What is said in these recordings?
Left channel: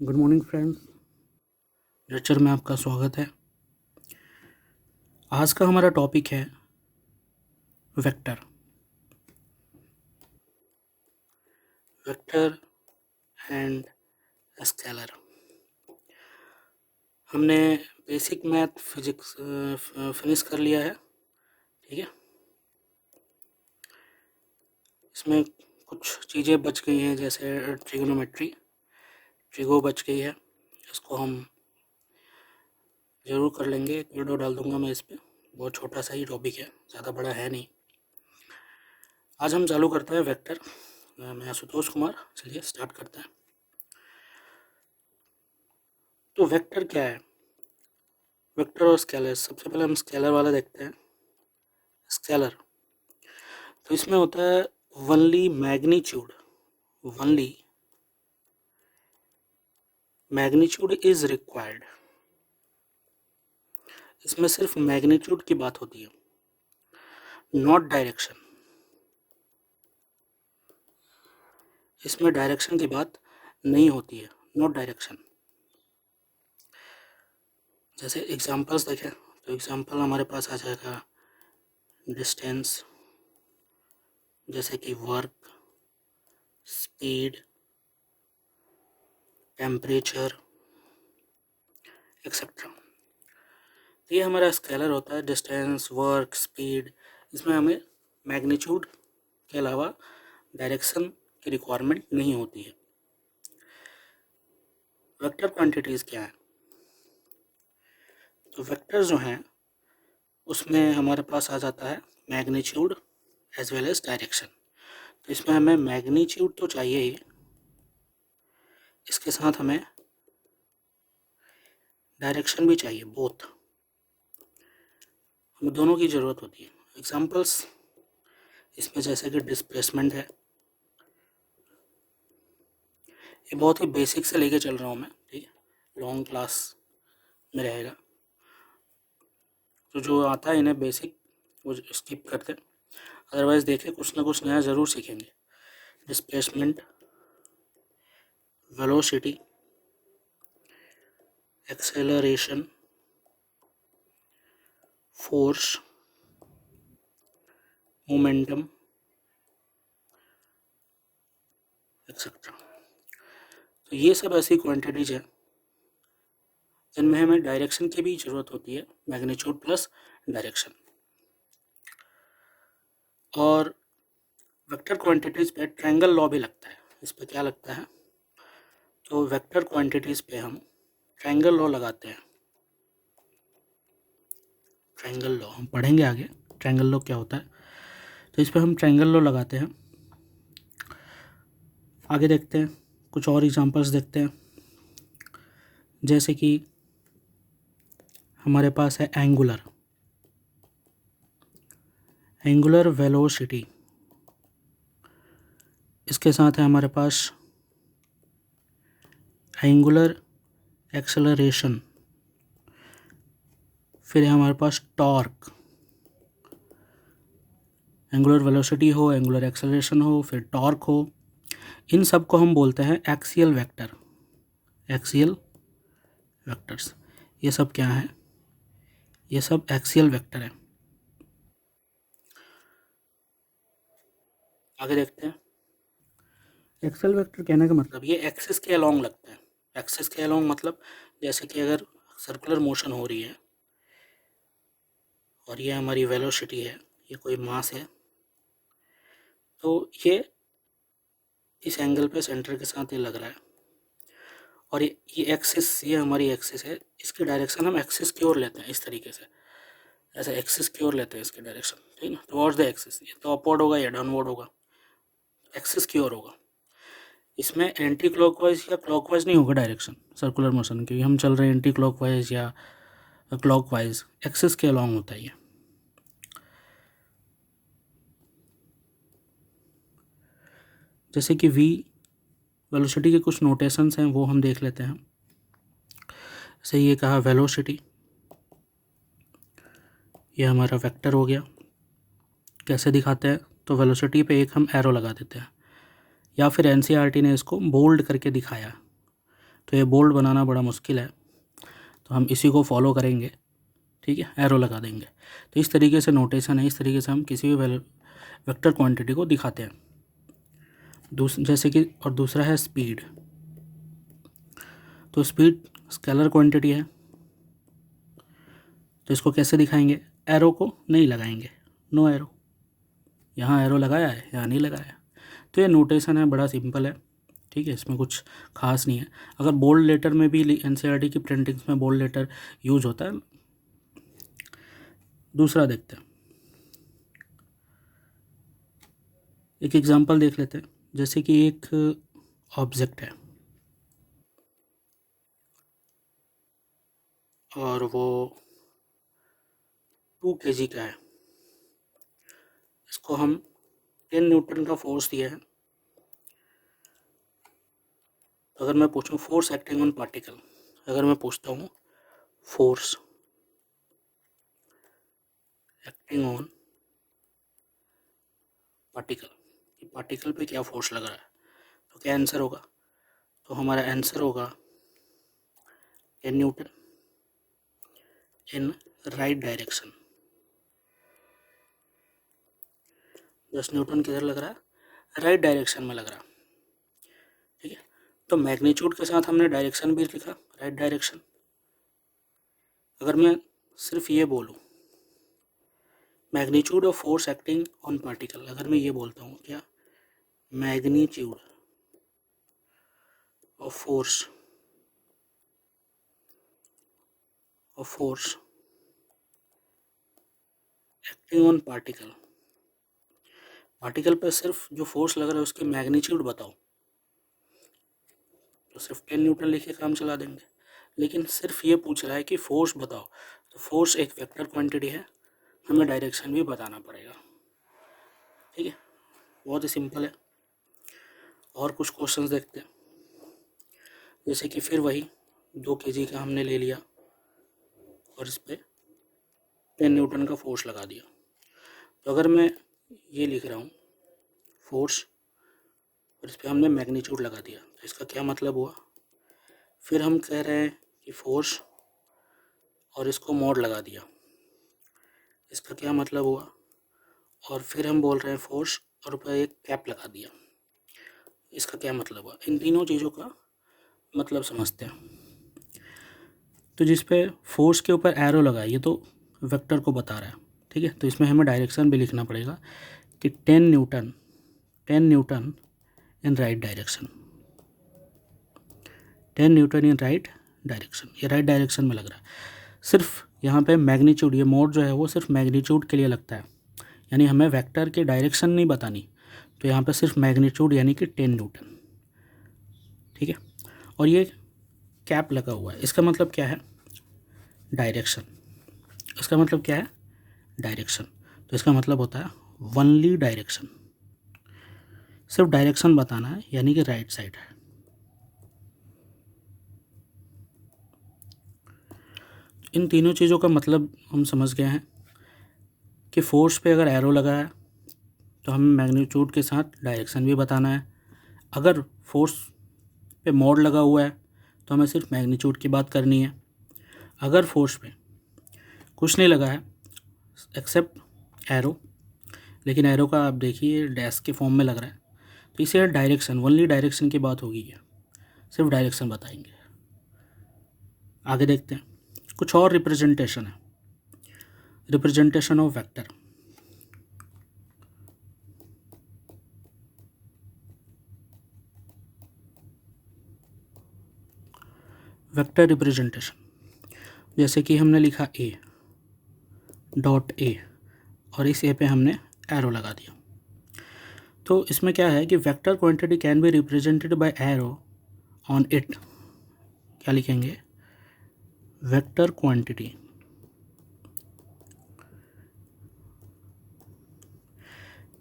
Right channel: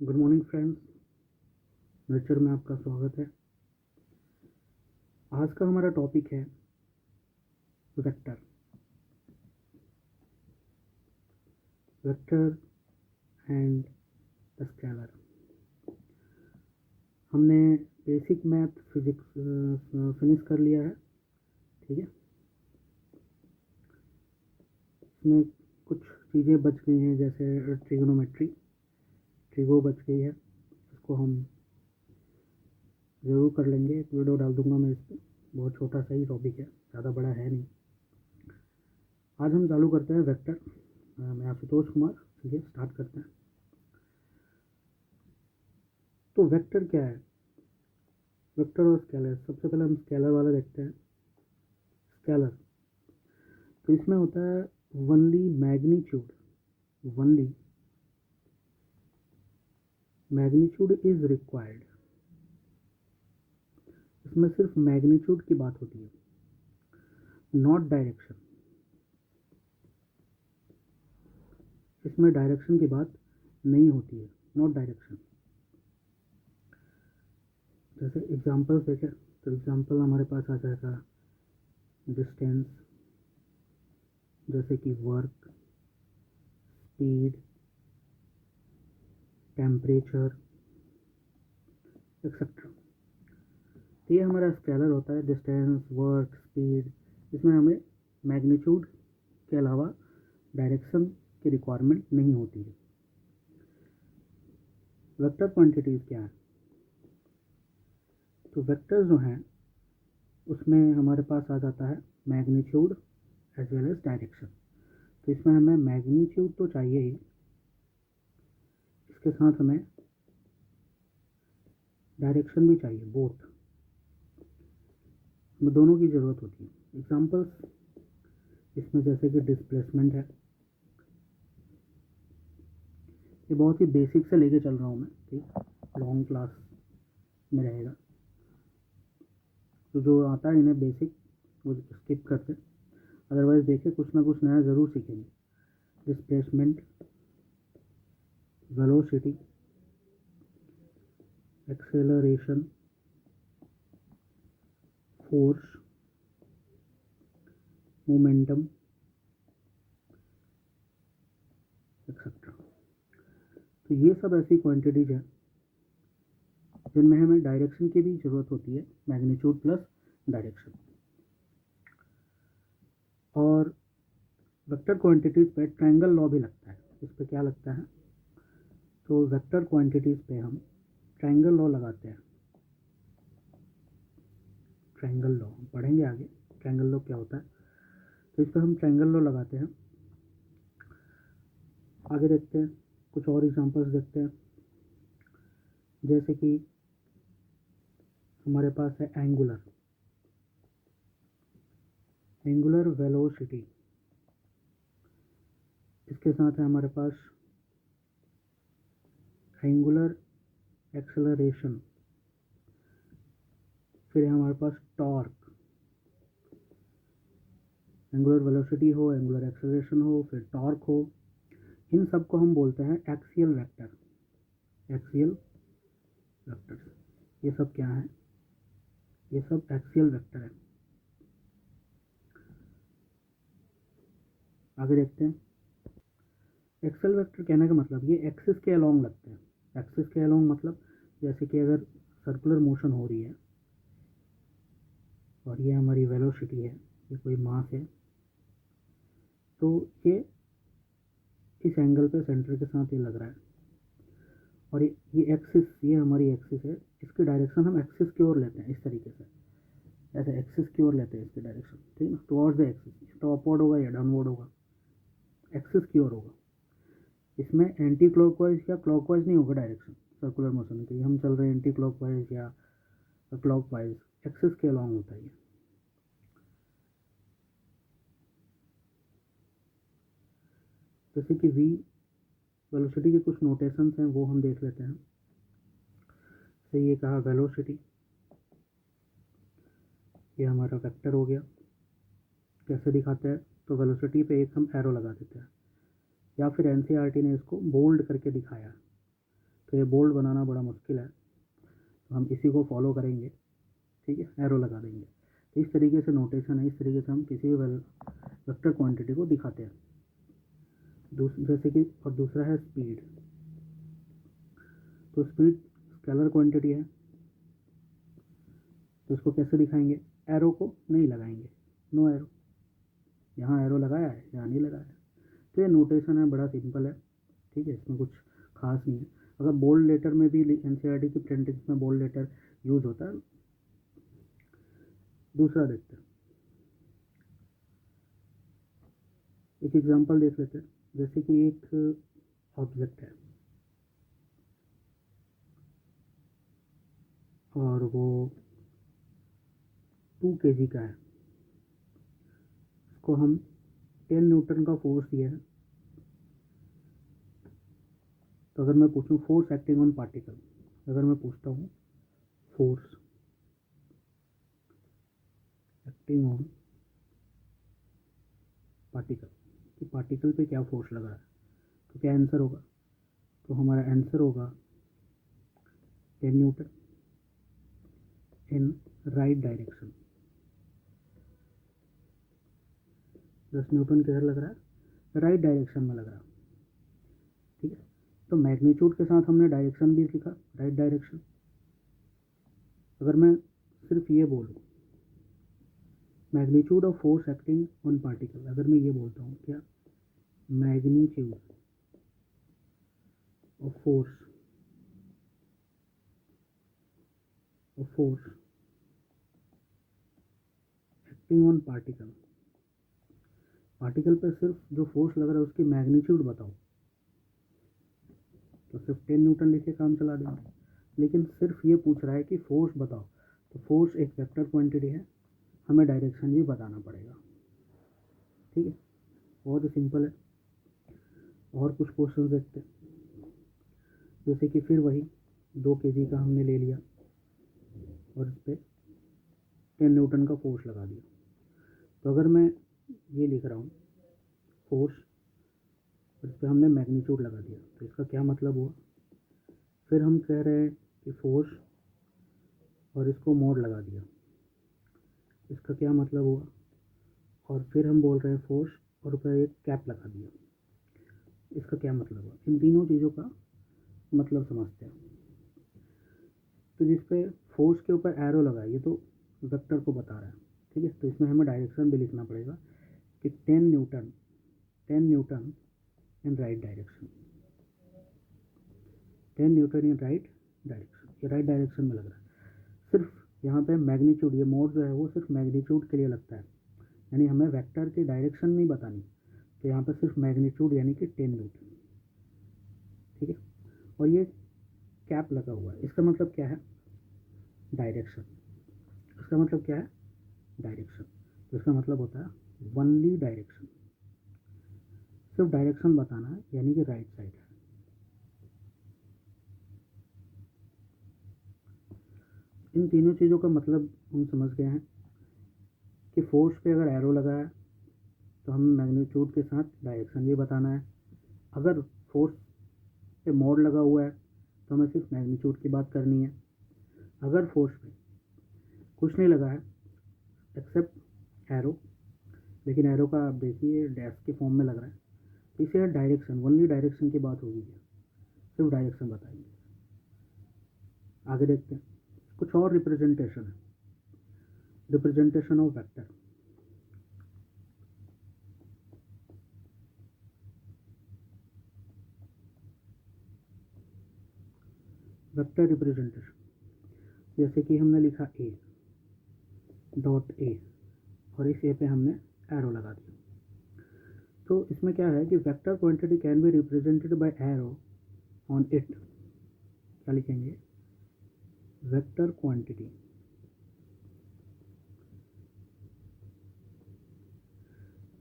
Good morning friends, lecture में आपका स्वागत है। आज का हमारा टॉपिक है वेक्टर। Vector and scalar. हमने बेसिक मैथ फिजिक्स फिनिश कर लिया है, ठीक है। इसमें कुछ चीज़ें बच गई हैं, जैसे ट्रिगो बच गई है। इसको हम ज़रूर कर लेंगे, एक वीडियो डाल दूंगा मैं इस पर। बहुत छोटा सा ही टॉपिक है, ज़्यादा बड़ा है नहीं। आज हम चालू करते हैं वेक्टर। मैं आशुतोष कुमार, चलिए स्टार्ट करते हैं। तो वेक्टर क्या है? वेक्टर और स्केलर। सबसे पहले हम स्केलर वाला देखते हैं। स्केलर तो इसमें होता है only magnitude. Only magnitude is required. इसमें सिर्फ मैग्नीट्यूड की बात होती है, नॉट डायरेक्शन। इसमें डायरेक्शन की बात नहीं होती है, नॉट डायरेक्शन। जैसे एग्जांपल्स देखें तो एग्जांपल हमारे पास आ जाएगा डिस्टेंस, जैसे कि वर्क, स्पीड, टेम्परेचर एक्सेट्रा। तो ये हमारा स्केलर होता है, डिस्टेंस, वर्क, स्पीड। इसमें हमें मैग्नीट्यूड के अलावा डायरेक्शन की रिक्वायरमेंट नहीं होती है। वेक्टर क्वांटिटीज़ क्या है? तो वेक्टर जो हैं उसमें हमारे पास आ जाता है magnitude as well as direction. तो इसमें हमें मैग्नीट्यूड तो चाहिए ही, इसके साथ हमें डायरेक्शन भी चाहिए, बोथ। हमें दोनों की ज़रूरत होती है। एग्जांपल्स इसमें जैसे कि डिस्प्लेसमेंट है। ये बहुत ही बेसिक से लेके चल रहा हूँ मैं, ठीक है, लॉन्ग क्लास में रहेगा। तो जो आता है इन्हें बेसिक वो स्किप करते, अदरवाइज़ देखें कुछ ना कुछ नया ज़रूर सीखेंगे। Displacement, velocity, acceleration, force, momentum etcetera. तो ये सब ऐसी क्वांटिटीज हैं जिनमें हमें डायरेक्शन की भी ज़रूरत होती है, मैग्नीट्यूड प्लस डायरेक्शन। और वेक्टर क्वांटिटीज़ पे ट्रायंगल लॉ भी लगता है। इस पे क्या लगता है? तो वेक्टर क्वांटिटीज़ पे हम ट्रायंगल लॉ लगाते हैं। ट्रायंगल लॉ हम पढ़ेंगे आगे, ट्रायंगल लॉ क्या होता है। तो इस पर हम ट्रायंगल लॉ लगाते हैं। आगे देखते हैं, कुछ और एग्जांपल्स देखते हैं। जैसे कि हमारे पास है एंगुलर वेलोसिटी। इसके साथ है हमारे पास एंगुलर एक्सेलरेशन। फिर है हमारे पास टॉर्क। एंगुलर वेलोसिटी हो, एंगुलर एक्सेलरेशन हो, फिर टॉर्क हो, इन सब को हम बोलते हैं एक्सियल वेक्टर। एक्सियल वेक्टर्स, ये सब क्या है? ये सब एक्सियल वेक्टर है। आगे देखते हैं। एक्सियल वेक्टर कहने का मतलब ये एक्सिस के अलोंग लगता है। एक्सिस के अलोंग मतलब जैसे कि अगर सर्कुलर मोशन हो रही है और ये हमारी वेलोसिटी है, ये कोई मास है, तो ये इस एंगल पे सेंटर के साथ ये लग रहा है। और ये एक्सिस, ये हमारी एक्सिस है, इसकी डायरेक्शन हम एक्सिस की ओर लेते हैं, इस तरीके से, ऐसे एक्सिस की ओर लेते हैं इसकी डायरेक्शन, ठीक है ना। टुवर्ड्स द एक्सिस, ये तो अपवर्ड होगा या डाउनवर्ड होगा, एक्सिस की ओर होगा। इसमें एंटी क्लॉकवाइज या क्लॉकवाइज नहीं होगा डायरेक्शन सर्कुलर मोशन की। हम चल रहे हैं एंटी क्लॉकवाइज या क्लॉकवाइज, एक्सिस के अलॉन्ग होता है ये। जैसे कि वी वेलोसिटी के कुछ नोटेशंस हैं, वो हम देख लेते हैं। जैसे ये कहा वेलोसिटी, ये हमारा वेक्टर हो गया। कैसे दिखाते हैं? तो वेलोसिटी पे एक हम एरो लगा देते हैं, या फिर एनसीईआरटी ने इसको बोल्ड करके दिखाया। तो ये बोल्ड बनाना बड़ा मुश्किल है, तो हम इसी को फॉलो करेंगे, ठीक है, एरो लगा देंगे। तो इस तरीके से नोटेशन है, इस तरीके से हम किसी भी वेक्टर क्वांटिटी को दिखाते हैं। जैसे कि और दूसरा है स्पीड। तो स्पीड स्केलर क्वांटिटी है, तो इसको कैसे दिखाएंगे? एरो को नहीं लगाएंगे, नो एरो। यहाँ एरो लगाया है, यहाँ नहीं लगाया। तो ये नोटेशन है, बड़ा सिंपल है, ठीक है, इसमें कुछ खास नहीं है। अगर बोल्ड लेटर में भी एनसीईआरटी की प्रिंटिंग्स में बोल्ड लेटर यूज होता है। दूसरा देखते हैं, एक एग्जांपल देख लेते हैं। जैसे कि एक ऑब्जेक्ट है और वो 2 kg का है, इसको हम 10 न्यूटन का फोर्स दिया है। तो अगर मैं पूछूं फोर्स एक्टिंग ऑन पार्टिकल, अगर मैं पूछता हूँ फोर्स एक्टिंग ऑन पार्टिकल, कि पार्टिकल पे क्या फोर्स लग रहा है, तो क्या आंसर होगा? तो हमारा आंसर होगा 10 Newton in right direction. 10 Newton किधर लग रहा है? राइट डायरेक्शन में लग रहा है, ठीक है। तो मैग्नीट्यूड के साथ हमने डायरेक्शन भी लिखा, राइट डायरेक्शन। अगर मैं सिर्फ ये बोलूँ magnitude of force acting on particle, अगर मैं ये बोलता हूँ क्या, magnitude of force acting on particle, particle पर सिर्फ जो फोर्स लग रहा है उसकी मैग्नीट्यूड बताओ, तो सिर्फ 10 न्यूटन लिख के काम चला देंगे। लेकिन सिर्फ ये पूछ रहा है कि फोर्स बताओ, तो फोर्स एक वेक्टर क्वांटिटी है, हमें डायरेक्शन भी बताना पड़ेगा, ठीक है, बहुत ही सिंपल है। और कुछ क्वेश्चंस देखते हैं। जैसे कि फिर वही 2 kg का हमने ले लिया और इस पर 10 न्यूटन का फोर्स लगा दिया। तो अगर मैं ये लिख रहा हूँ फोर्स और इस पर हमने मैग्नीट्यूड लगा दिया, तो इसका क्या मतलब हुआ? फिर हम कह रहे हैं कि फोर्स और इसको मोड लगा दिया, इसका क्या मतलब हुआ? और फिर हम बोल रहे हैं फोर्स और ऊपर एक कैप लगा दिया, इसका क्या मतलब हुआ? इन तीनों चीज़ों का मतलब समझते हैं। तो जिस पे फोर्स के ऊपर एरो लगा है ये तो वेक्टर को बता रहा है, ठीक है, तो इसमें हमें डायरेक्शन भी लिखना पड़ेगा कि 10 Newton in right direction, 10 Newton in right direction, ये राइट डायरेक्शन में लग रहा है। सिर्फ यहाँ पे मैग्नीट्यूड, ये मोड जो है वो सिर्फ मैग्नीट्यूड के लिए लगता है, यानी हमें वेक्टर की डायरेक्शन नहीं बतानी, तो यहाँ पे सिर्फ मैग्नीट्यूड यानी कि 10 न्यूटन, ठीक है। और ये कैप लगा हुआ है, इसका मतलब क्या है? डायरेक्शन। इसका मतलब क्या है? डायरेक्शन। तो इसका मतलब होता है ओनली डायरेक्शन, सिर्फ डायरेक्शन बताना है, यानी कि राइट साइड है। इन तीनों चीज़ों का मतलब हम समझ गए हैं कि फोर्स पे अगर एरो लगा है तो हमें मैग्नीट्यूड के साथ डायरेक्शन भी बताना है। अगर फोर्स पे मोड लगा हुआ है तो हमें सिर्फ मैग्नीट्यूड की बात करनी है। अगर फोर्स पे कुछ नहीं लगा है एक्सेप्ट एरो, लेकिन एरो का आप देखिए डैश के फॉर्म में लग रहा है, तो इसे डायरेक्शन, ओनली डायरेक्शन की बात होगी, है सिर्फ डायरेक्शन बताएंगे। आगे देखते हैं, कुछ और रिप्रेजेंटेशन है, representation of vector. Vector representation, जैसे कि हमने लिखा ए डॉट ए और इस ए पे हमने एरो लगा दिया। तो इसमें क्या है कि vector quantity can be represented by arrow on it. क्या लिखेंगे? Vector quantity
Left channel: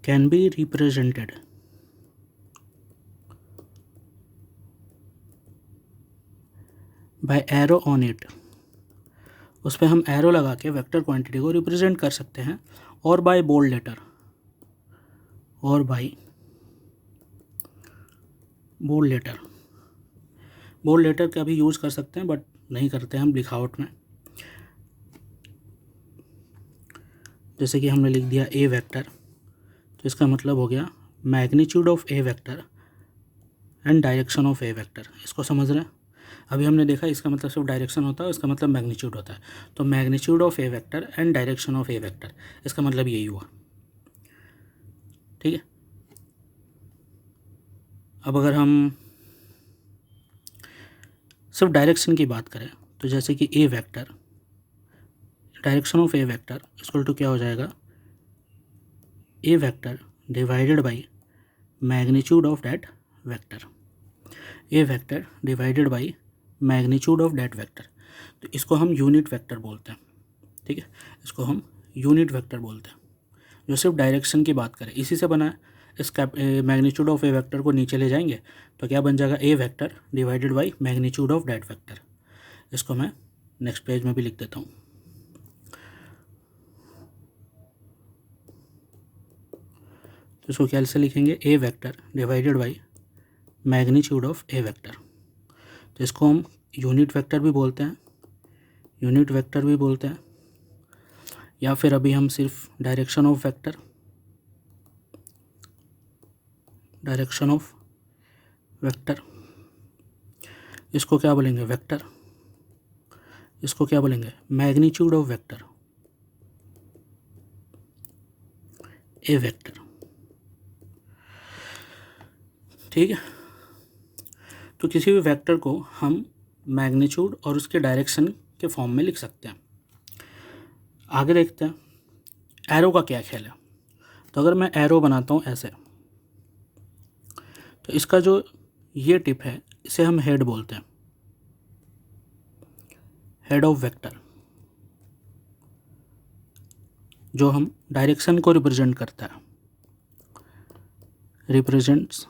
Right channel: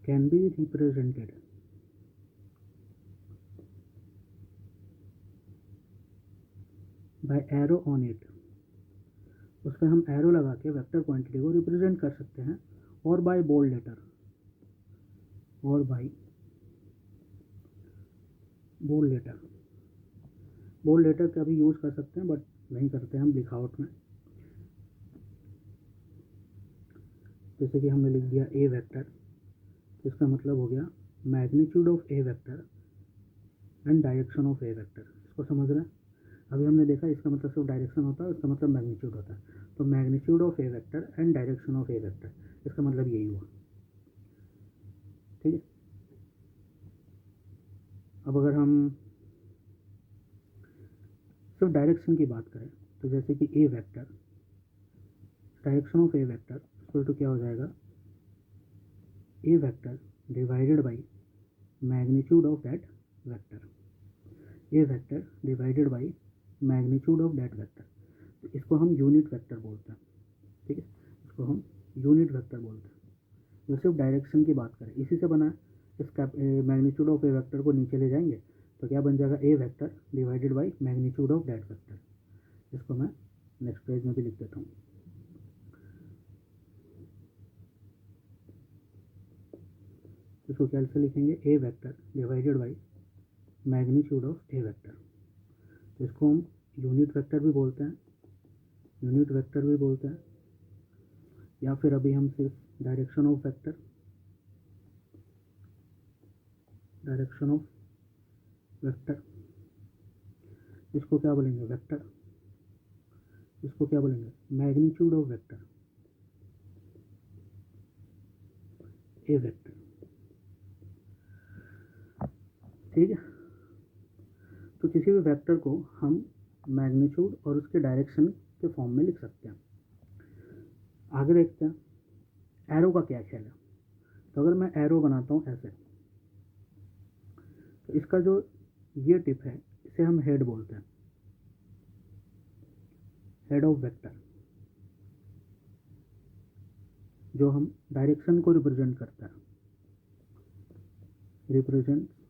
can be represented by arrow on it. उस पर हम एरो लगा के वेक्टर क्वांटिटी को रिप्रेजेंट कर सकते हैं, और बाय बोल्ड लेटर, और by bold letter. Bold letter का भी यूज़ कर सकते हैं, बट नहीं करते हम लिखावट में। जैसे कि हमने लिख दिया ए वेक्टर, तो इसका मतलब हो गया magnitude of A vector and direction of A vector. इसको समझ रहे हैं? अभी हमने देखा इसका मतलब सिर्फ डायरेक्शन होता है, इसका मतलब मैग्नीट्यूड होता है। तो magnitude of A vector and direction of A vector, इसका मतलब यही हुआ। ठीक है। अब अगर हम सिर्फ डायरेक्शन की बात करें, तो जैसे कि A vector, direction of A vector equal to क्या हो जाएगा, A vector divided by magnitude of that vector. A vector divided by magnitude of that vector. तो इसको हम यूनिट वेक्टर बोलते हैं। ठीक है, इसको हम यूनिट वेक्टर बोलते हैं, जो सिर्फ डायरेक्शन की बात करें। इसी से बना है। इस मैग्नीट्यूड ऑफ ए वेक्टर को नीचे ले जाएंगे तो क्या बन जाएगा, A vector divided by magnitude of that vector. इसको मैं नेक्स्ट पेज में भी लिख देता हूँ। तो इसको कैसे लिखेंगे, A vector divided by magnitude of A vector. तो इसको हम यूनिट वेक्टर भी बोलते हैं, यूनिट वेक्टर भी बोलते हैं, या फिर अभी हम सिर्फ direction of vector, direction of vector, इसको क्या बोलेंगे, वेक्टर। इसको क्या बोलेंगे, magnitude of vector, A vector. ठीक है। तो किसी भी वेक्टर को हम मैग्नीट्यूड और उसके डायरेक्शन के फॉर्म में लिख सकते हैं। आगे देखते हैं एरो का क्या ख्याल है। तो अगर मैं एरो बनाता हूँ ऐसे, तो इसका जो ये टिप है इसे हम हेड बोलते हैं, हेड ऑफ वेक्टर, जो हम डायरेक्शन को रिप्रेजेंट करता है, रिप्रेजेंट्स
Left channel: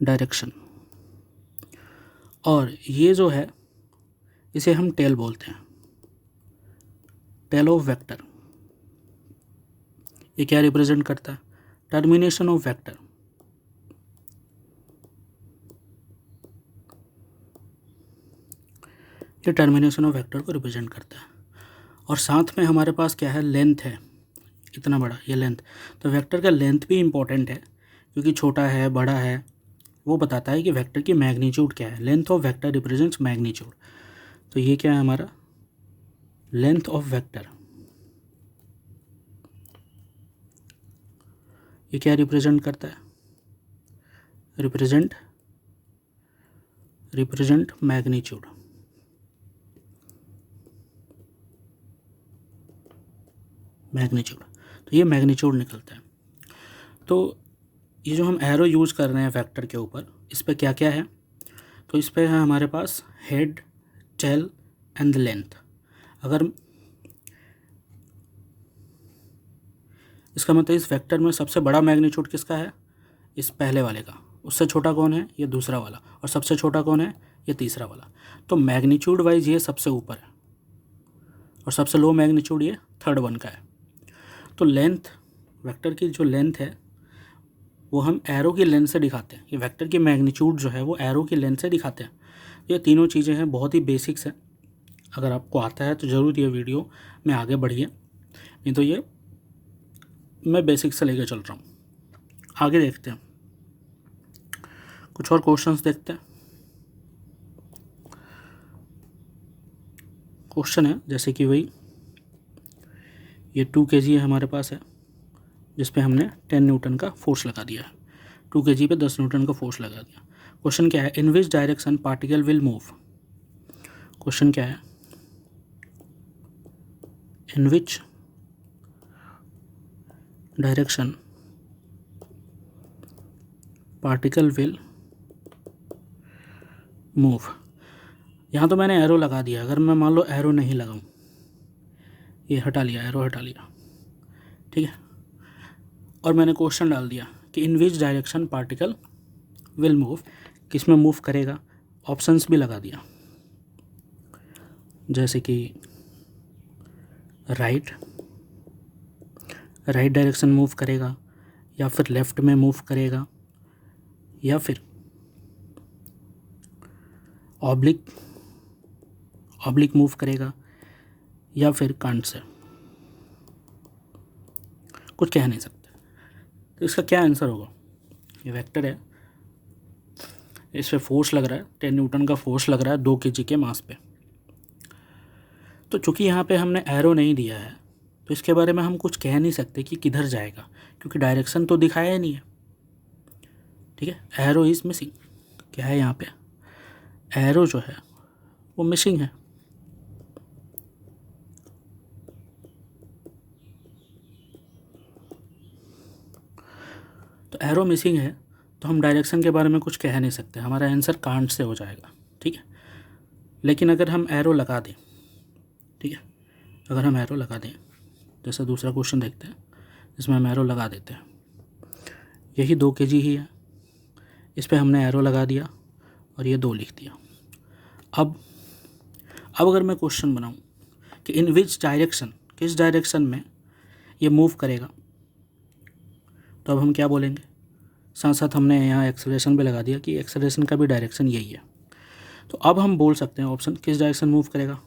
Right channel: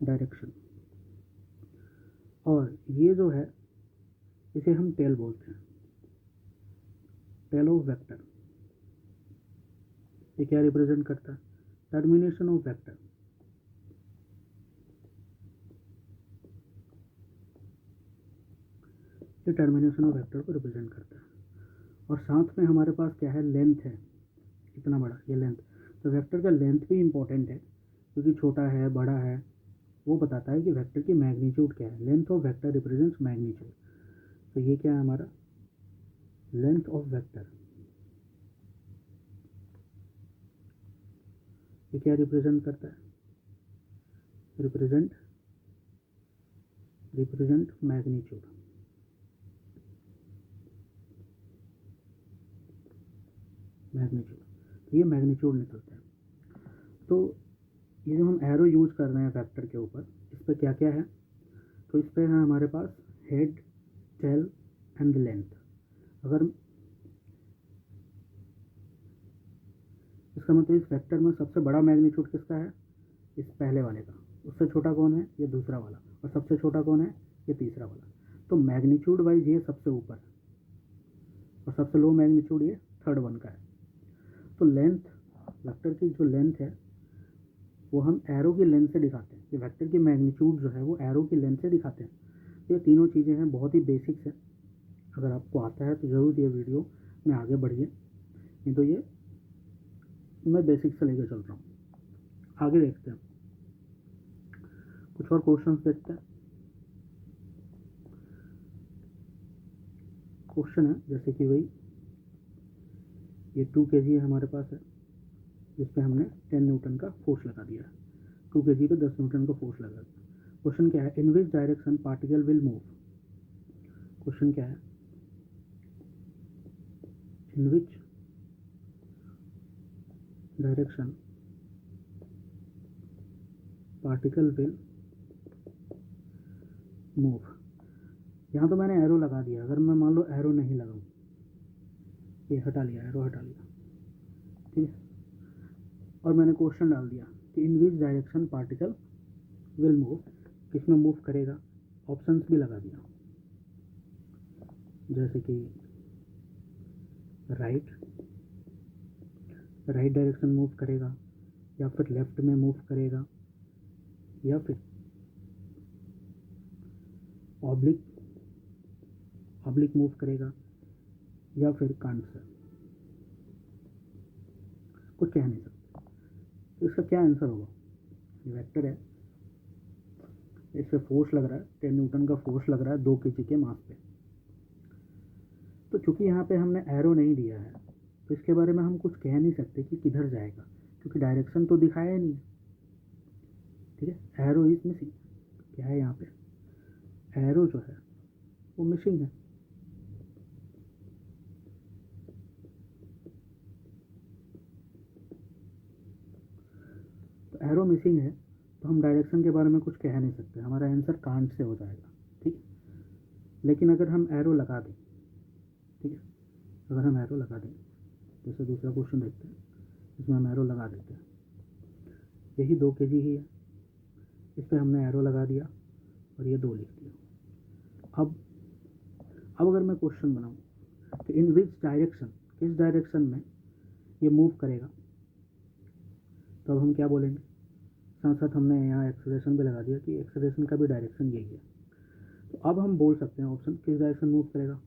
डायरेक्शन। और ये जो है इसे हम टेल बोलते हैं, टेल ऑफ वेक्टर। ये क्या रिप्रेजेंट करता है, टर्मिनेशन ऑफ वेक्टर। ये टर्मिनेशन ऑफ वेक्टर को रिप्रेजेंट करता है। और साथ में हमारे पास क्या है, लेंथ है, इतना बड़ा ये लेंथ। तो वेक्टर का लेंथ भी इम्पोर्टेंट है, क्योंकि छोटा है बड़ा है वो बताता है कि वेक्टर की मैग्नीट्यूड क्या है। Length of vector represents magnitude. तो ये क्या है हमारा, लेंथ ऑफ वेक्टर। ये क्या रिप्रेजेंट करता है, रिप्रेजेंट मैग्नीट्यूड। मैग्नीट्यूड, तो ये मैग्नीट्यूड निकलता है। तो ये जो हम एरो यूज़ कर रहे हैं वेक्टर के ऊपर, इस पर क्या क्या है, तो इस पर है हमारे पास हेड, टेल एंड लेंथ। अगर इसका मतलब इस वेक्टर में सबसे बड़ा मैग्नीट्यूड किसका है, इस पहले वाले का। उससे छोटा कौन है, ये दूसरा वाला। और सबसे छोटा कौन है, ये तीसरा वाला। तो मैग्नीट्यूड वाइज ये सबसे ऊपर है और सबसे लो मैग्नीट्यूड ये थर्ड वन का है। तो लेंथ, वेक्टर की जो लेंथ है वो हम एरो की लेंथ से दिखाते हैं। ये वेक्टर की मैग्नीट्यूड जो है वो एरो की लेंथ से दिखाते हैं। ये तीनों चीज़ें हैं, बहुत ही बेसिक्स है। अगर आपको आता है तो ज़रूर ये वीडियो में आगे बढ़िए, नहीं तो ये मैं बेसिक्स से लेकर चल रहा हूँ। आगे देखते हैं, कुछ और क्वेश्चंस देखते हैं। क्वेश्चन है जैसे कि वही ये 2 kg हमारे पास है, जिस पे हमने 10 न्यूटन का फोर्स लगा दिया है। 2 kg पे 10 न्यूटन का फोर्स लगा दिया। क्वेश्चन क्या है, in which direction particle will move. Question क्या है, in which direction particle will move. यहाँ तो मैंने एरो लगा दिया, अगर मैं मान लो एरो नहीं लगाऊँ, ये हटा लिया, एरो हटा लिया, ठीक है, और मैंने क्वेश्चन डाल दिया कि in which direction particle will move, किस में मूव करेगा, ऑप्शंस भी लगा दिया, जैसे कि राइट डायरेक्शन मूव करेगा, या फिर लेफ़्ट में मूव करेगा, या फिर ऑब्लिक मूव करेगा या फिर कांट से, कुछ कह नहीं सकते। तो इसका क्या आंसर होगा? ये वेक्टर है, इस पे फोर्स लग रहा है, 10 न्यूटन का फोर्स लग रहा है 2 kg के मास पे। तो चूंकि यहाँ पे हमने एरो नहीं दिया है तो इसके बारे में हम कुछ कह नहीं सकते कि किधर जाएगा, क्योंकि डायरेक्शन तो दिखाया ही नहीं है। ठीक है, एरो इज़ मिसिंग। क्या है यहाँ पे? एरो जो है वो मिसिंग है। तो एरो मिसिंग है तो हम डायरेक्शन के बारे में कुछ कह नहीं सकते, हमारा आंसर कांट से हो जाएगा। ठीक है, लेकिन अगर हम एरो लगा दें, ठीक है, अगर हम एरो लगा दें, जैसे दूसरा क्वेश्चन देखते हैं, इसमें हम एरो लगा देते हैं, यही 2 kg ही है, इस पर हमने एरो लगा दिया और ये 2 लिख दिया। अब अगर मैं क्वेश्चन बनाऊं कि इन विच डायरेक्शन, किस डायरेक्शन में ये मूव करेगा, तो अब हम क्या बोलेंगे? साथ साथ हमने यहाँ एक्सेलरेशन भी लगा दिया कि एक्सेलरेशन का भी डायरेक्शन यही है। तो अब हम बोल सकते हैं ऑप्शन किस डायरेक्शन मूव करेगा।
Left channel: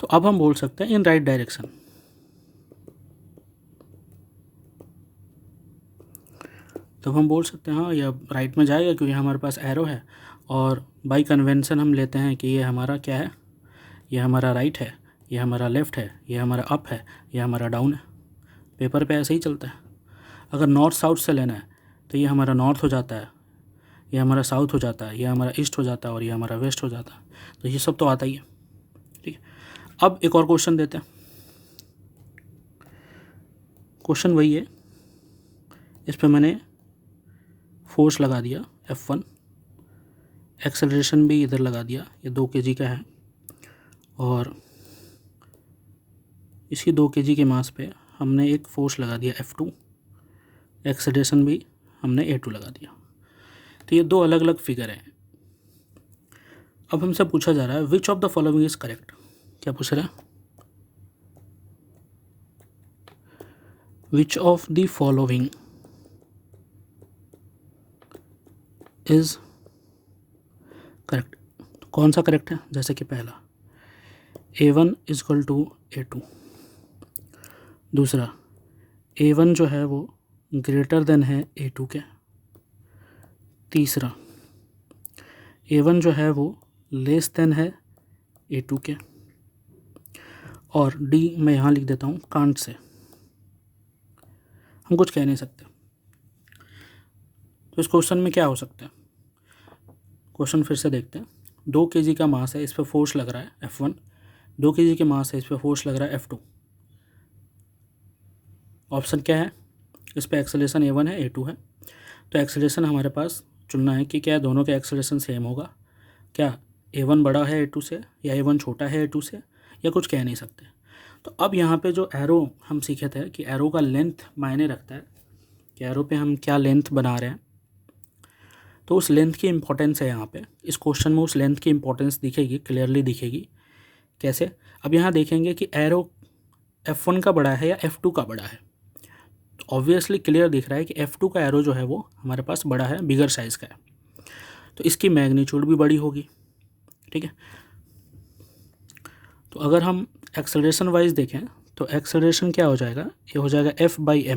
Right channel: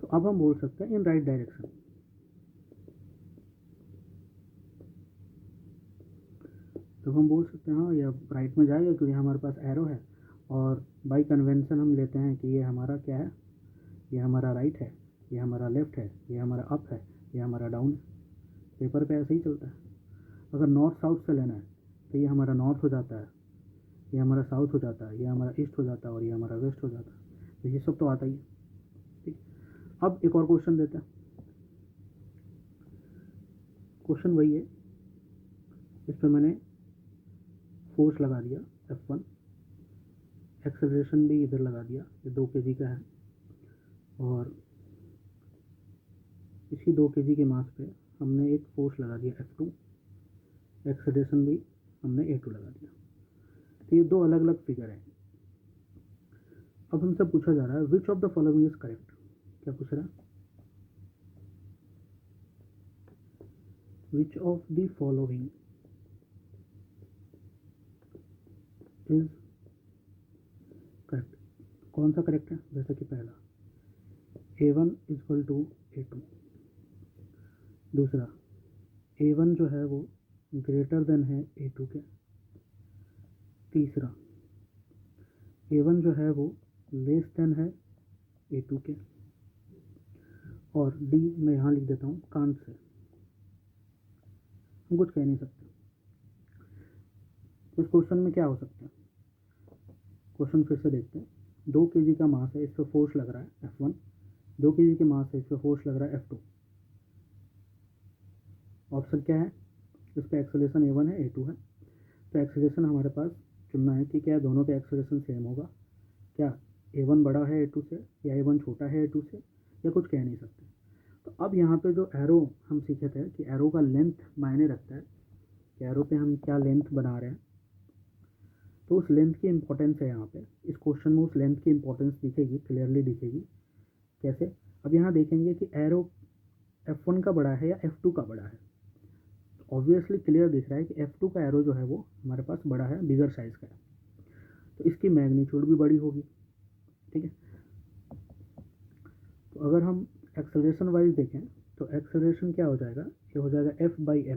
तो अब हम बोल सकते हैं इन राइट डायरेक्शन। तब हम बोल सकते हैं हाँ ये राइट में जाएगा क्योंकि हमारे पास एरो है, और बाई कन्वेंशन हम लेते हैं कि ये हमारा क्या है, ये हमारा राइट है, ये हमारा लेफ़्ट है, ये हमारा अप है, ये हमारा डाउन है। पेपर पे ऐसे ही चलता है। अगर नॉर्थ साउथ से लेना है तो ये हमारा नॉर्थ हो जाता है, ये हमारा साउथ हो जाता है, ये हमारा ईस्ट हो जाता है और ये हमारा वेस्ट हो जाता है। तो ये सब तो आता ही है। ठीक है, अब एक और क्वेश्चन देते हैं। क्वेश्चन वही है, इस पर मैंने फोर्स लगा दिया F1, एक्सेलरेशन भी इधर लगा दिया, ये 2 kg का है, और इसी 2 kg के मास पे हमने एक फोर्स लगा दिया F2, एक्सेलरेशन भी हमने A2 लगा दिया। तो ये 2 अलग अलग फिगर हैं। अब हमसे पूछा जा रहा है which of the following is correct. क्या पूछ रहा है? Which of the following is correct. तो कौन सा करेक्ट है? जैसे कि पहला A1 इजकल टू A2, दूसरा A1 जो है वो ग्रेटर देन है A2 के, तीसरा A1 जो है वो लेस देन है A2 के, और D मैं यहाँ लिख देता हूँ कांट से। हम कुछ कह नहीं सकते। तो इस क्वेश्चन में क्या हो सकता है? क्वेश्चन फिर से देखते हैं। 2 kg का मास है, इस पर फोर्स लग रहा है F1, 2 kg के मास है, इस पर फोर्स लग रहा है F2। ऑप्शन क्या है? इस पर एक्सेलरेशन A1 है, A2 है। तो एक्सेलरेशन हमारे पास चुनना है कि क्या दोनों के एक्सेलरेशन सेम होगा, क्या A1 बड़ा है A2 से या A1 छोटा है A2 से, या कुछ कह नहीं सकते। तो अब यहाँ पे जो एरो हम सीखे थे कि एरो का लेंथ मायने रखता है कि एरो पे हम क्या लेंथ बना रहे हैं, तो उस लेंथ की इम्पोर्टेंस है यहाँ पे। इस क्वेश्चन में उस लेंथ की इम्पोर्टेंस दिखेगी, क्लियरली दिखेगी। कैसे? अब यहाँ देखेंगे कि एरो F1 का बड़ा है या F2 का बड़ा है। तो ऑब्वियसली क्लियर दिख रहा है कि F2 का एरो जो है वो हमारे पास बड़ा है, बिगर साइज़ का है, तो इसकी मैग्नीट्यूड भी बड़ी होगी। ठीक है, तो अगर हम एक्सेलरेशन वाइज देखें तो एक्सेलरेशन क्या हो जाएगा? ये हो जाएगा F/m, ये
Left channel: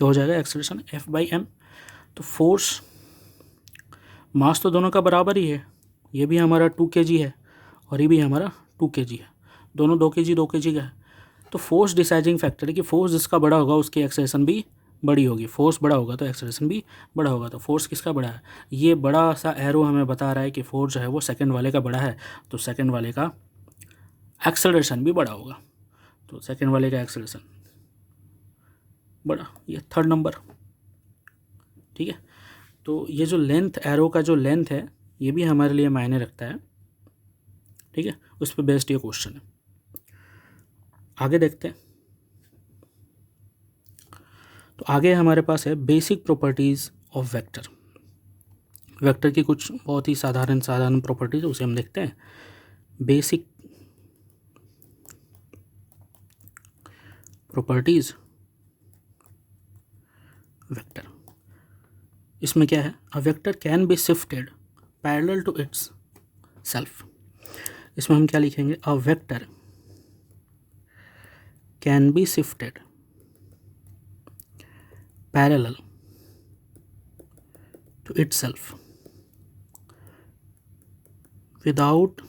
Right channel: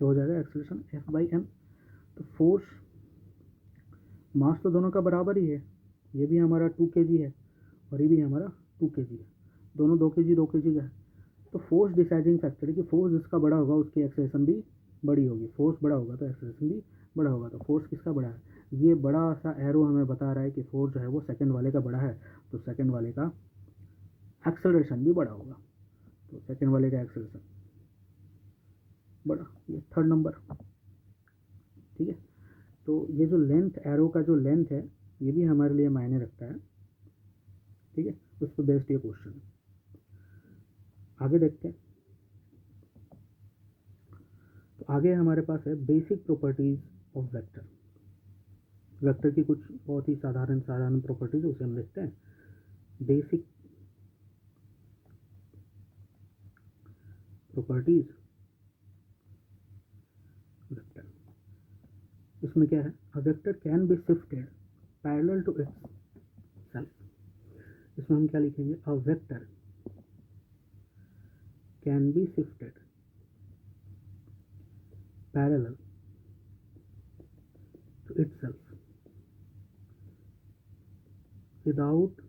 हो जाएगा एक्सेलरेशन F/m। तो फोर्स, मास तो दोनों का बराबर ही है, ये भी हमारा 2 kg है और ये भी हमारा 2 kg है, दोनों 2 kg का है। तो फोर्स डिसाइडिंग फैक्टर है कि फोर्स जिसका बड़ा होगा उसकी एक्सेलरेशन भी बड़ी होगी, फोर्स बड़ा होगा तो एक्सेलरेशन भी बड़ा होगा। तो फोर्स किसका बड़ा है? ये बड़ा सा एरो हमें बता रहा है कि फोर्स जो है वो सेकंड वाले का बड़ा है, तो सेकंड वाले का एक्सेलरेशन भी बड़ा होगा। तो सेकंड वाले का एक्सेलरेशन बड़ा, ये थर्ड नंबर। ठीक है, तो ये जो लेंथ, एरो का जो लेंथ है ये भी हमारे लिए मायने रखता है। ठीक है, उस पर बेस्ड ये क्वेश्चन है। आगे देखते हैं। तो आगे हमारे पास है basic properties of vector. Vector की कुछ बहुत ही साधारण प्रॉपर्टीज, उसे हम देखते हैं। Basic properties vector. इसमें क्या है, a vector can be shifted parallel to itself. इसमें हम क्या लिखेंगे, a vector can be shifted parallel to itself without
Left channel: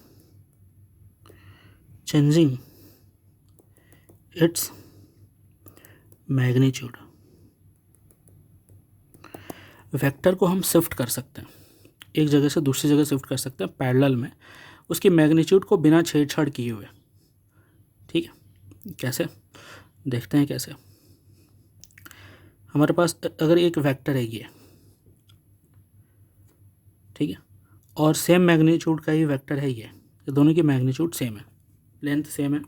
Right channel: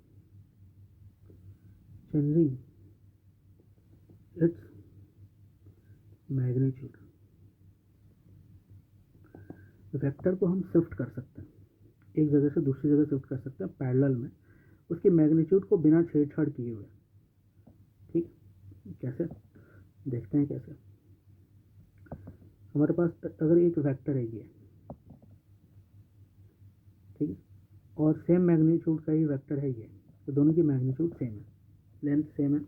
changing its magnitude। Vector को हम शिफ्ट कर सकते हैं, एक जगह से दूसरी जगह शिफ्ट कर सकते हैं पैरेलल में, उसकी मैग्नीट्यूड को बिना छेड़छाड़ किए हुए। ठीक है, कैसे देखते हैं कैसे। हमारे पास अगर एक वेक्टर है ये, ठीक है, और सेम मैग्नीट्यूड का ही वेक्टर है ये, तो दोनों की मैग्नीट्यूड सेम है, लेंथ सेम है।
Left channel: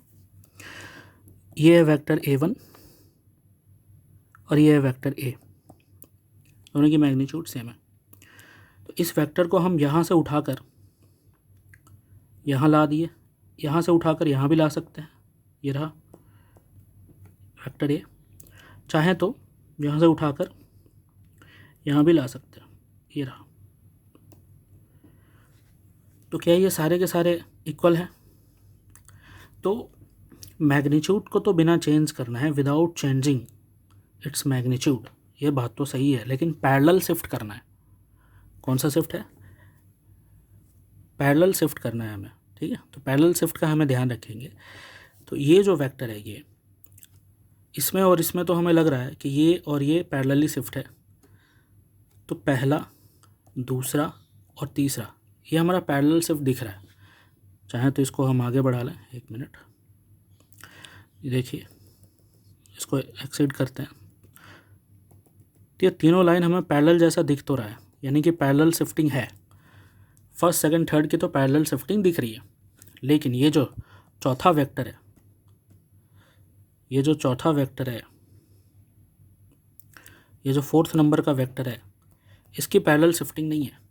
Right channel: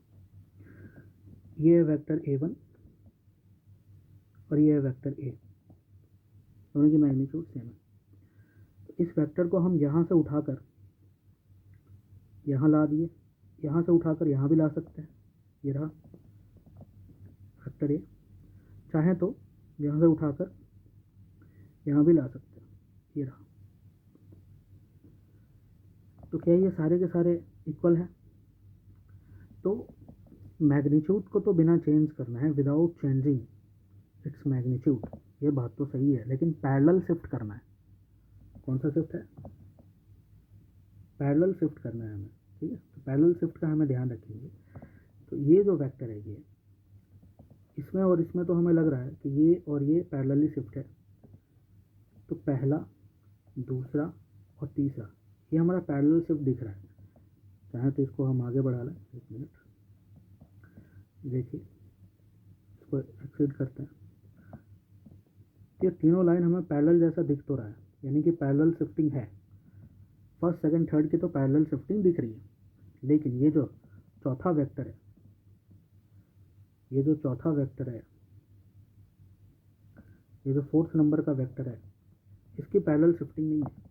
ये है वेक्टर a1 और ये है वेक्टर a, दोनों की मैग्नीट्यूड सेम है। तो इस वेक्टर को हम यहाँ से उठाकर यहाँ ला दिए, यहाँ से उठाकर यहाँ भी ला सकते हैं, ये रहा वेक्टर a। चाहे तो यहाँ से उठाकर यहाँ भी ला सकते हैं, ये रहा। तो क्या ये सारे के सारे इक्वल हैं? तो मैग्नीट्यूड को तो बिना चेंज करना है, विदाउट चेंजिंग इट्स मैग्नीट्यूड, ये बात तो सही है, लेकिन पैरेलल शिफ्ट करना है। कौन सा शिफ्ट है? पैरेलल शिफ्ट करना है हमें, ठीक है। तो पैरेलल शिफ्ट का हमें ध्यान रखेंगे। तो ये जो वेक्टर है ये, इसमें और इसमें तो हमें लग रहा है कि ये और ये पैरेलली शिफ्ट है। तो पहला, दूसरा और तीसरा ये हमारा पैरेलल शिफ्ट दिख रहा है। चाहे तो इसको हम आगे बढ़ा लें, 1 मिनट, ये देखिए, इसको एक्सीड करते हैं। तो ये तीनों लाइन हमें पैरेलल जैसा दिख तो रहा है, यानी कि पैरेलल शिफ्टिंग है। फर्स्ट, सेकंड, थर्ड की तो पैरेलल शिफ्टिंग दिख रही है, लेकिन ये जो चौथा वेक्टर है, ये जो चौथा वेक्टर है, ये जो 4th नंबर का वेक्टर है, इसकी पैरेलल शिफ्टिंग नहीं है।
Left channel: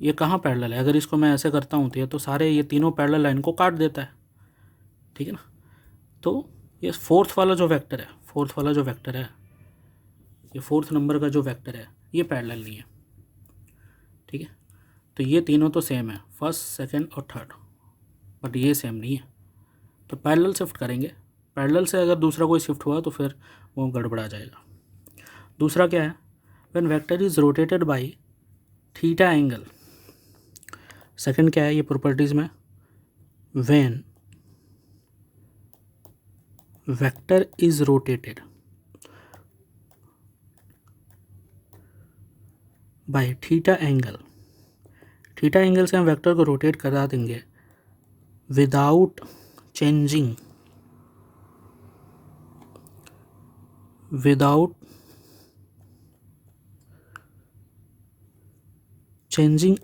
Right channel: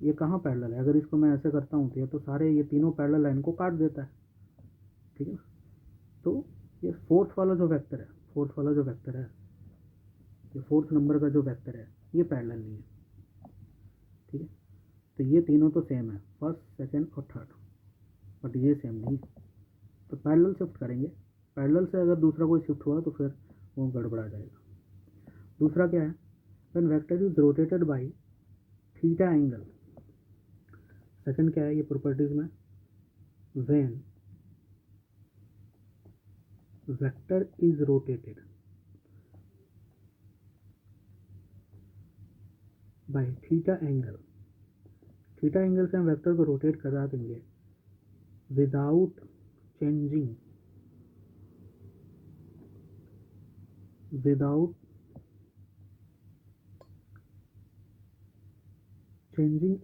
ये कहाँ पैरेलल है? अगर इसको मैं ऐसे करता हूँ तो ये तो सारे ये तीनों पैरेलल लाइन को काट देता है, ठीक है ना। तो ये 4th वाला जो वेक्टर है, 4th वाला जो वेक्टर है, ये 4th नंबर का जो वेक्टर है, ये पैरेलल नहीं है, ठीक है। तो ये तीनों तो सेम है, फर्स्ट, सेकंड और थर्ड, बट ये सेम नहीं है। तो पैरेलल शिफ्ट करेंगे। पैरेलल से अगर दूसरा कोई शिफ्ट हुआ तो फिर वो गड़बड़ा जाएगा। दूसरा क्या है? When vector is rotated by theta angle. Second क्या है ये प्रॉपर्टीज में? When vector is rotated by theta angle. Theta angle से हम वेक्टर को रोटेट करा देंगे विदाउट चेंजिंग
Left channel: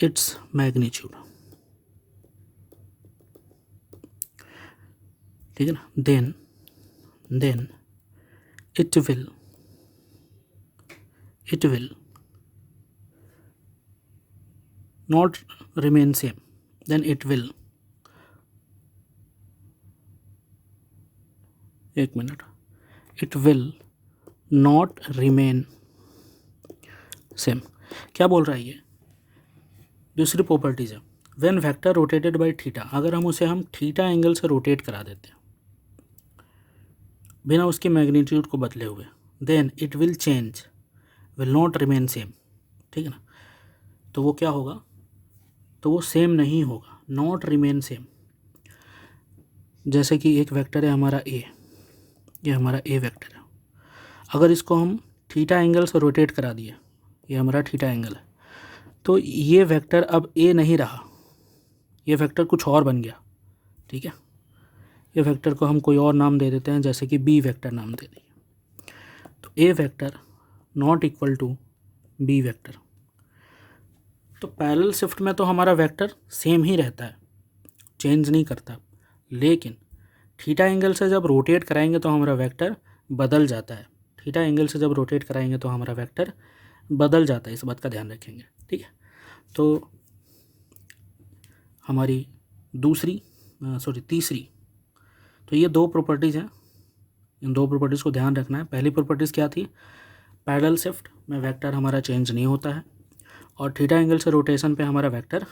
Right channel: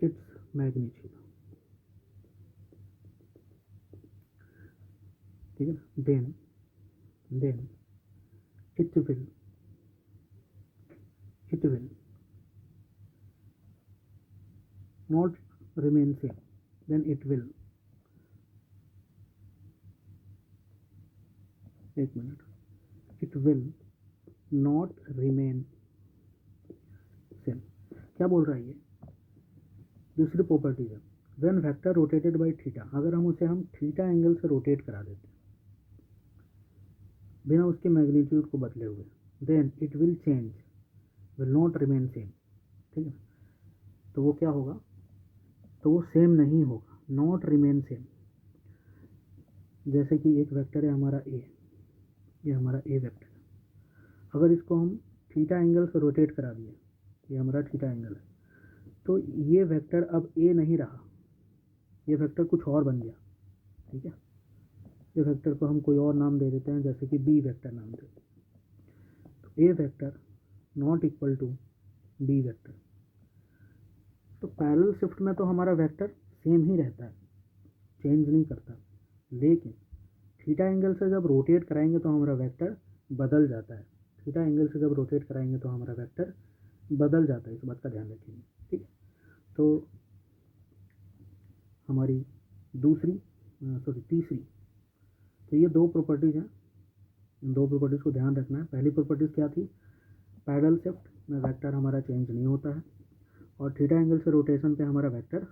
इट्स मैग्नीट्यूड, ठीक है ना। Then it will not remain same, then it will, 1 minute, it will not remain same। क्या बोल रहा है ये? दूसरी प्रॉपर्टीज है, when vector rotated by theta, अगर हम उसे हम थीटा एंगल से रोटेट करा देते हैं बिना उसकी मैग्नीट्यूड को बदले हुए, then it will change, will not remain same, ठीक है ना। तो वो क्या होगा? तो वो सेम नहीं होगा, नॉट रिमेन सेम। जैसे कि एक वेक्टर है हमारा ए, ये हमारा ए वेक्टर है, अगर इसको हम थीटा एंगल से रोटेट करा दिए, ये हमारा थीटा एंगल है, तो ये वेक्टर अब ए नहीं रहा, ये वेक्टर कुछ और बन गया, ठीक है। ये वेक्टर को हम कोई और नाम दे देते हैं, जैसे कि बी वेक्टर नाम दे दिए। तो A vector not equal to B vector. तो पैरेलल शिफ्ट में तो हमारा वेक्टर सेम ही रहता है, चेंज नहीं करता, लेकिन थीटा एंगल से जब रोटेट कराएंगे तो हमारा वेक्टर बदल जाता है। थीटा एंगल से जब रोटेट कराएंगे तो हमारा वेक्टर बदल जाता है, इस बात का ध्यान रखेंगे, ठीक है। तो हमारी तीसरी, तो ये दो प्रॉपर्टीज़ हैं, इन दो प्रॉपर्टीज़ को ध्यान रखना है। पहली प्रॉपर्टीज़ क्या थी? पैरेलल शिफ्ट में वेक्टर हमारा चेंज नहीं होता है और थीटा एंगल से रोटेशन पे हमारा वेक्टर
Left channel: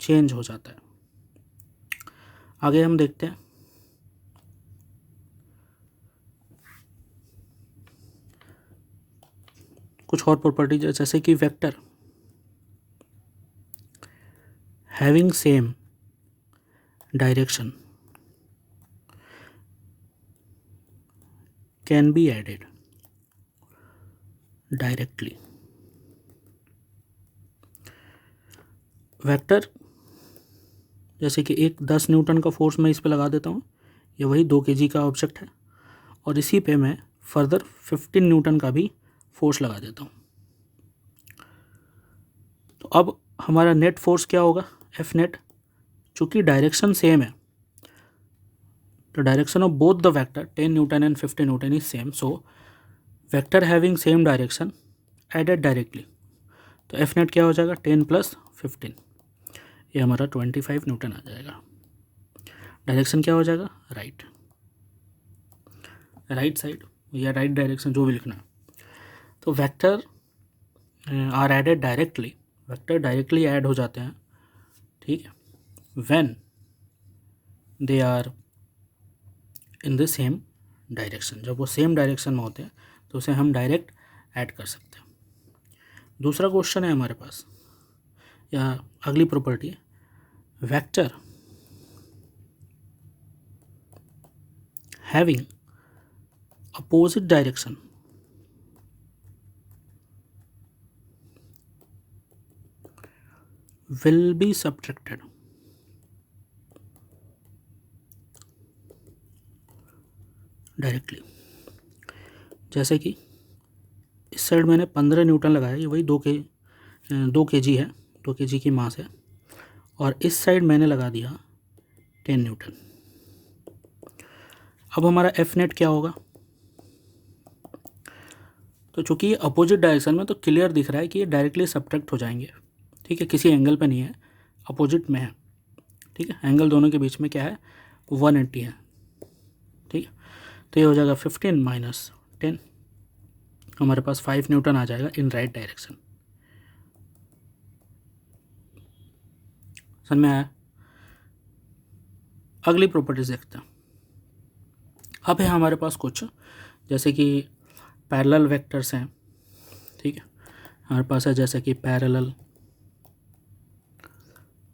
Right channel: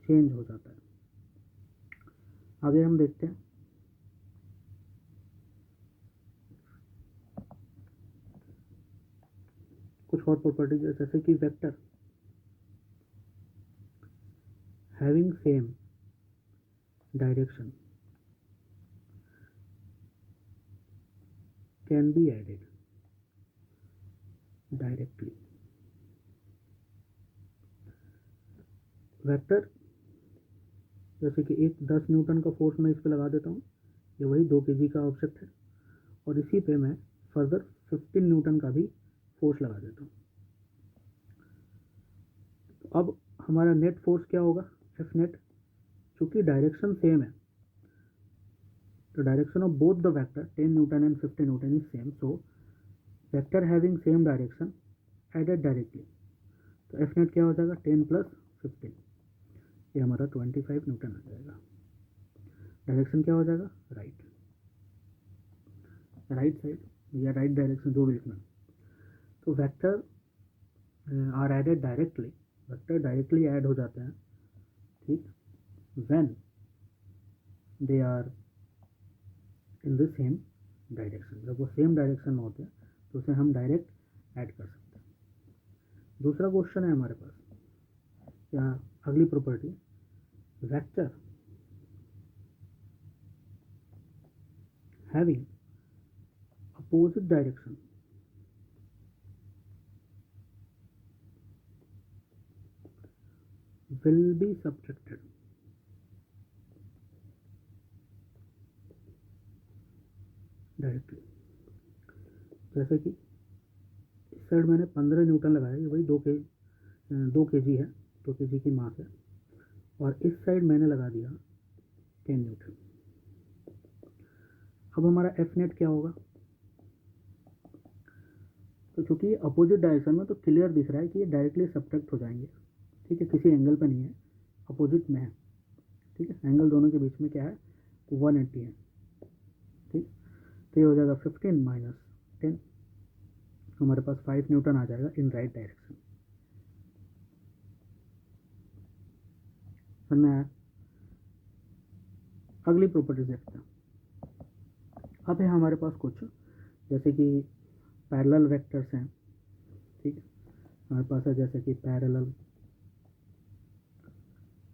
चेंज हो जाता है। आगे हम देखते हैं कुछ और प्रॉपर्टीज, जैसे कि vector having same direction can be added directly. Vector जैसे कि एक 10 न्यूटन का फोर्स मैं इस पे लगा देता हूँ, ये वही 2 kg का ऑब्जेक्ट है, और इसी पे मैं फर्दर 15 न्यूटन का भी फोर्स लगा देता हूँ। तो अब हमारा नेट फोर्स क्या होगा, एफ नेट। चूँकि डायरेक्शन सेम है तो direction of both the vector 10 newton and 15 newton is same, so vector having same direction added directly. तो एफ नेट क्या हो जाएगा, 10 + 15, ये हमारा 25 न्यूटन आ जाएगा। डायरेक्शन क्या हो जाएगा, राइट साइड या राइट डायरेक्शन, जो भी लिखना है। तो vector are added directly, vector directly add हो जाते हैं, ठीक है, when they are in the same direction. जब वो सेम डायरेक्शन में होते हैं तो उसे हम डायरेक्ट ऐड कर सकते हैं। दूसरा क्वेश्चन है हमारे पास, या अगली प्रॉपर्टी है, vector having opposite direction will be subtracted directly. जैसे कि इस साइड मैंने 15 न्यूटन लगाया, ये वही 2 kg है, 2 kg की मास है, और इस साइड मैंने लगा दिया 10 न्यूटन। अब हमारा एफ नेट क्या होगा, तो चूँकि ये अपोजिट डायरेक्शन में तो क्लियर दिख रहा है कि ये डायरेक्टली सब्ट्रैक्ट हो जाएंगे, ठीक है, किसी एंगल पे नहीं है, अपोजिट में है, ठीक है, एंगल दोनों के बीच में क्या है, 180 है, ठीक है। तो ये हो जाएगा 15 - 10, हमारे पास 5 न्यूटन आ जाएगा इन राइट डायरेक्शन। समझ में आया। अगली प्रॉपर्टीज देखते हैं। अब है हमारे पास कुछ, जैसे कि पैरेलल वेक्टर्स हैं, ठीक है, हमारे पास है जैसे कि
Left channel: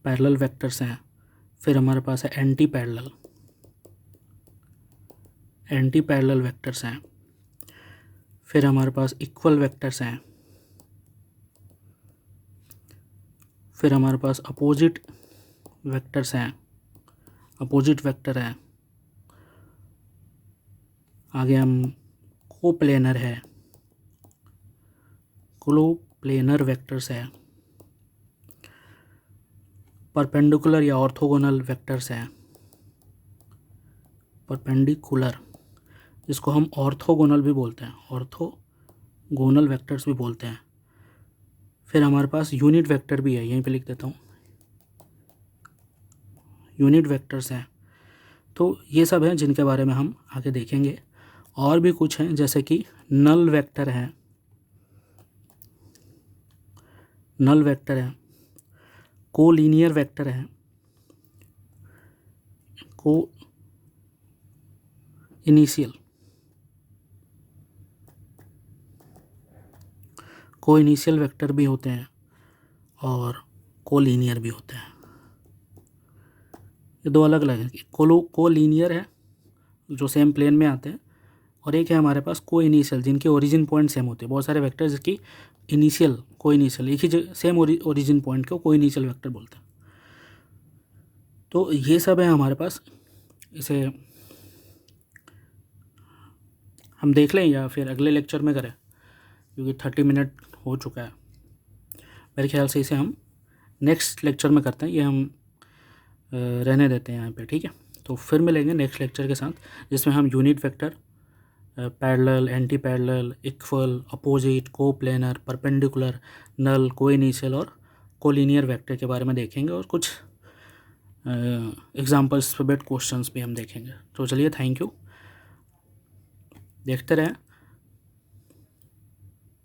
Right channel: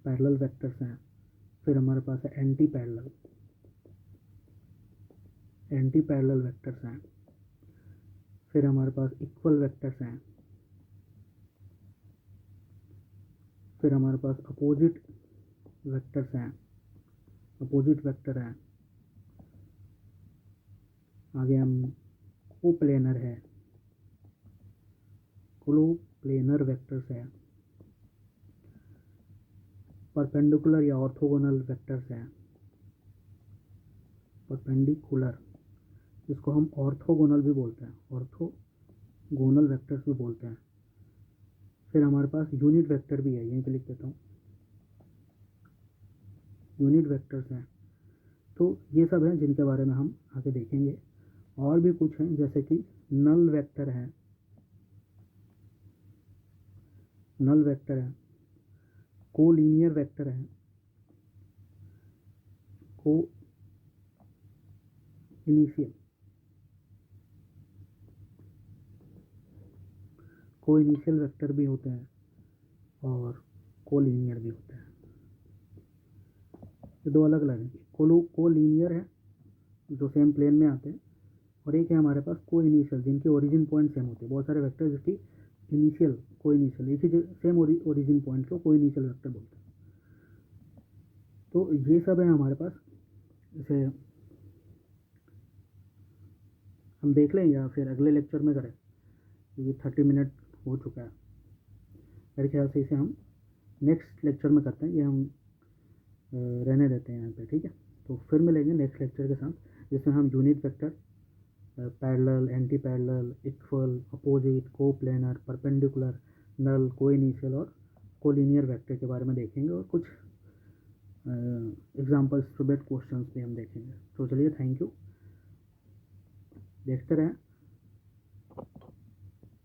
पैरेलल वेक्टर्स हैं, फिर हमारे पास है एंटी पैरेलल वेक्टर्स हैं, फिर हमारे पास इक्वल वेक्टर्स हैं, फिर हमारे पास अपोजिट वेक्टर्स हैं, अपोजिट वेक्टर है, आगे हम कोप्लेनर है, कोप्लेनर वेक्टर्स है, परपेंडिकुलर या ऑर्थोगोनल वेक्टर्स हैं, परपेंडिकुलर जिसको हम ऑर्थोगोनल भी बोलते हैं, ऑर्थोगोनल वेक्टर्स भी बोलते हैं। फिर हमारे पास यूनिट वेक्टर भी है, यहीं पे लिख देता हूँ, यूनिट वेक्टर्स हैं। तो ये सब हैं जिनके बारे में हम आगे देखेंगे। और भी कुछ हैं जैसे कि नल वेक्टर है, कोलिनियर वेक्टर है, कोइनिशियल वेक्टर भी होते हैं और कोलिनियर भी होते हैं। ये दो अलग अलग हैं। कोलिनियर है जो सेम प्लेन में आते हैं, और एक है हमारे पास कोइनिशियल जिनके ओरिजिन पॉइंट सेम होते हैं। बहुत सारे वेक्टर जिसकी कोइनिशियल एक ही सेम ओरिजिन पॉइंट को कोइनिशियल वेक्टर बोलते हैं। तो ये सब है हमारे पास, इसे हम देख लें या फिर अगले लेक्चर में करें, क्योंकि 30 मिनट हो चुका है मेरे ख्याल से। इसे हम नेक्स्ट लेक्चर में करते हैं, ये हम रहने देते हैं यहाँ पे, ठीक है। तो फिर मिलेंगे नेक्स्ट लेक्चर के साथ, जिसमें हम unit vector, parallel, anti parallel, equal, opposite, coplanar, perpendicular, null, coinitial और कोलिनियर वेक्टर के बारे में देखेंगे, और कुछ एग्जाम्पल्स बेस्ड क्वेश्चंस भी हम देखेंगे। तो चलिए, थैंक यू, देखते रहें